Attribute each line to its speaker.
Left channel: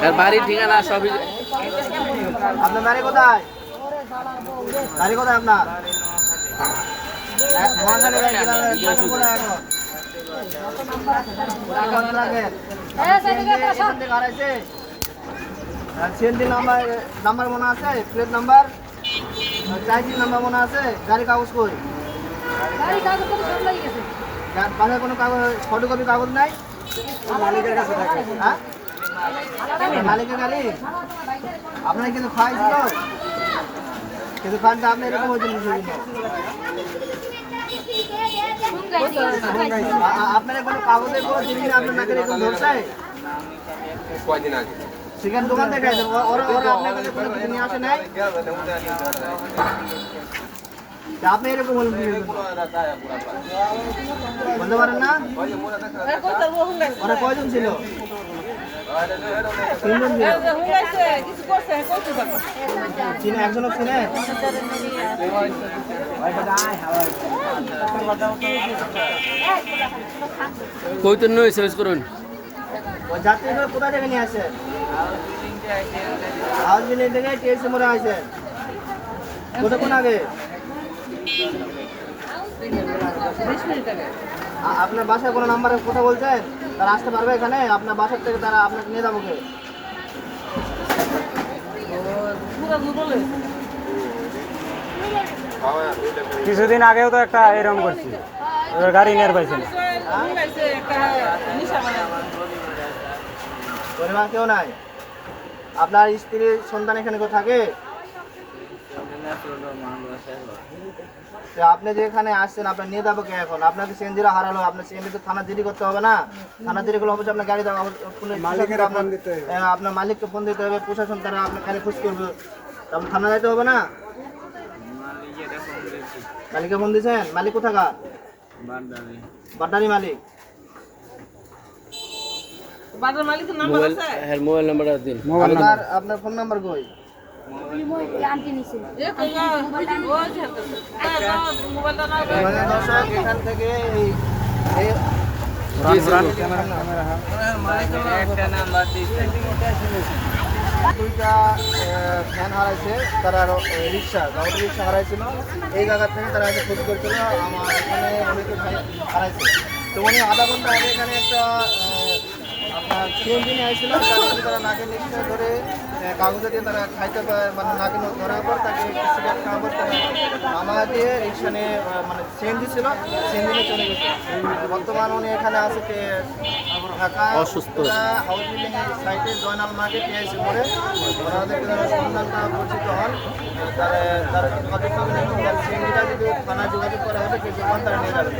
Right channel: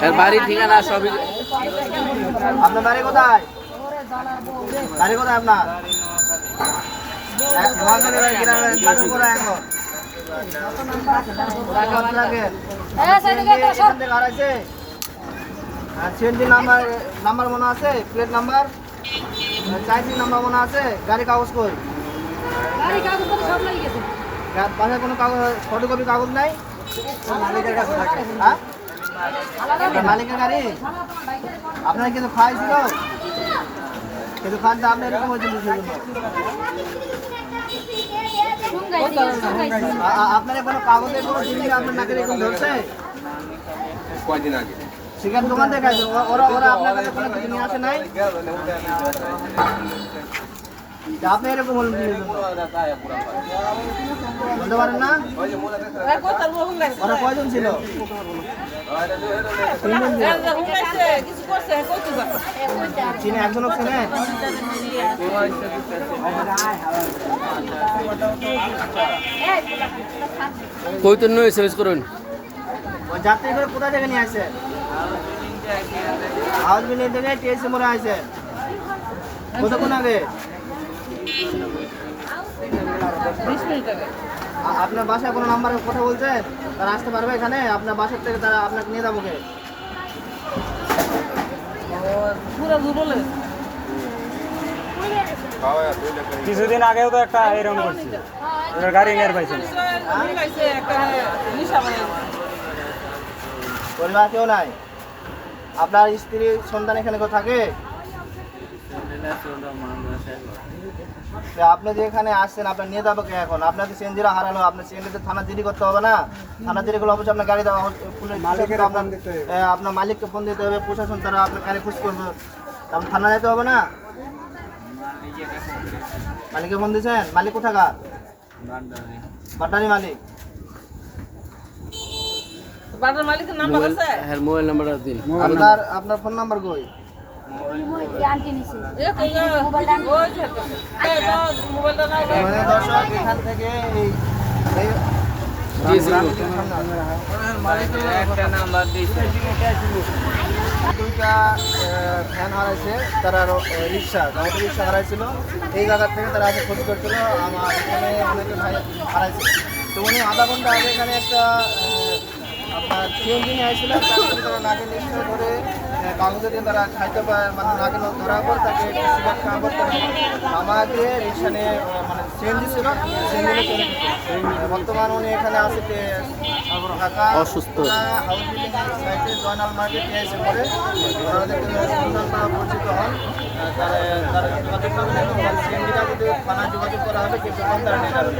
Speaker 1: তার বাড়ির ঠিকানা সবই
Speaker 2: আপনার বাড়ি কোথায়? বাড়ি কোথায় আপনার? নোয়াখালী বাড়ি কোথায় এখন? হারাইছে সিএনজি নাম্বার নাম্বার মনে আছে? Plate number? নাম্বার মনে আছে? গাড়ি কাগজ কই? বাসায় কোনো কাগজ ফটোকপি কাগজ নাই? মালিকের কাছে হ্যাঁ? মালিকের গাড়ি? আপনার কিন্তু খাওয়াইছিল? কিন্তু খানটা আপনি এরকম হয়েছিল আপনার কোনো কাগজের কোনো জিনিস আপনার নাকে এরকম ধরছে? সেখানে দোকান থেকে আছে ওরা ওরা আপনার কাছে কোনো কিছু নিয়ে আসে নাই? আপনি এরকম কিসের বলতে পারেন না? ওরা কয়জন ছিল? তিনজন চিনে একজনও চিনে?
Speaker 1: কৈতন্য সার্চ করুন।
Speaker 2: যাত্রীগুলো কোথা থেকে নিয়ে আসেন হাউস বিল্ডিং থেকে টিএসসি মোড়ে আসেন কতক্ষণ আগে? আ- আপনার বাসায় কোনো নাম্বারে কথা বলছেন তারা আসতে পারবে এখানে? আপনার বাসার থেকে তারা আপনাকে নিয়ে যাব কে
Speaker 3: কিছুদিন আগেও তো একটা এরকম করছি। গাড়ি নের পাইছে না।
Speaker 2: পরিবার কেউ নাই? আপনার স্ত্রীর সন্তান এখানে কেউ থাকে? আপনি যে এখানে আসছেন আপনার নিয়ে যাব কে এখন? আপনাকে সিএনজিরা হারালো আপনার সিএনজিতে থানা জিডি করতে হবে না? থানা জিডি করলে অবশ্যই আপনার গাড়ি দেওয়া হবে পুলিশ প্রশাসনকে আপনার এ, আপনার মালিককে ফোন দিতে হবে প্রশাসন তারা আপনার গাড়ি খুঁজ করবে। তা আপনার থানা যেতে হবে না? মালিককে ফোন দিয়েছেন? মালিক কোথাকার? বাড্ডারি মালিক।
Speaker 1: মোবাইল হ্যাঁ মোবাইল নাম্বারটা দিন।
Speaker 2: আপনার আপনার ফোন নাম্বার কই? এখান থেকে দুইটা ফ্যান হারাইছে, তারা রিক্সা গাড়ি রিক্সা হারাইছিল। এই জায়গা থেকে তারা এসে ক্ষতি করছিল, আমার এখানে অনেকে ভাই হারাইছে। তো উনি আধা ঘণ্টা আগে এখানে একটা আপনার সিএনজি নিয়ে আসছিল তারপরে তারা নাকে নিশ্চয় ধরে কাগজে দিয়ে তারা খাইতে পারে মানে নাকে ধরার পর তাকে সিগারেট খাওয়ার পর তারা দিয়ে রিক্সা মানে সিএনজি ছিল সিএনজি চলে গেছে। বর্তমান উনি এখানে আছে যে ঢাকা
Speaker 1: অসুস্থ।
Speaker 2: হাউস বিল্ডিং সাইটে জয়নাল মার্কেট এসে পরে ওনাদের সন্ধান তারা পরিচিত হন। তারা তারা যোগাযোগ করবেন এবং তার সিএনজিটা যদি থানায় যোগাযোগ করা হবে সেই দোকান তারা নিয়ে যাবেন।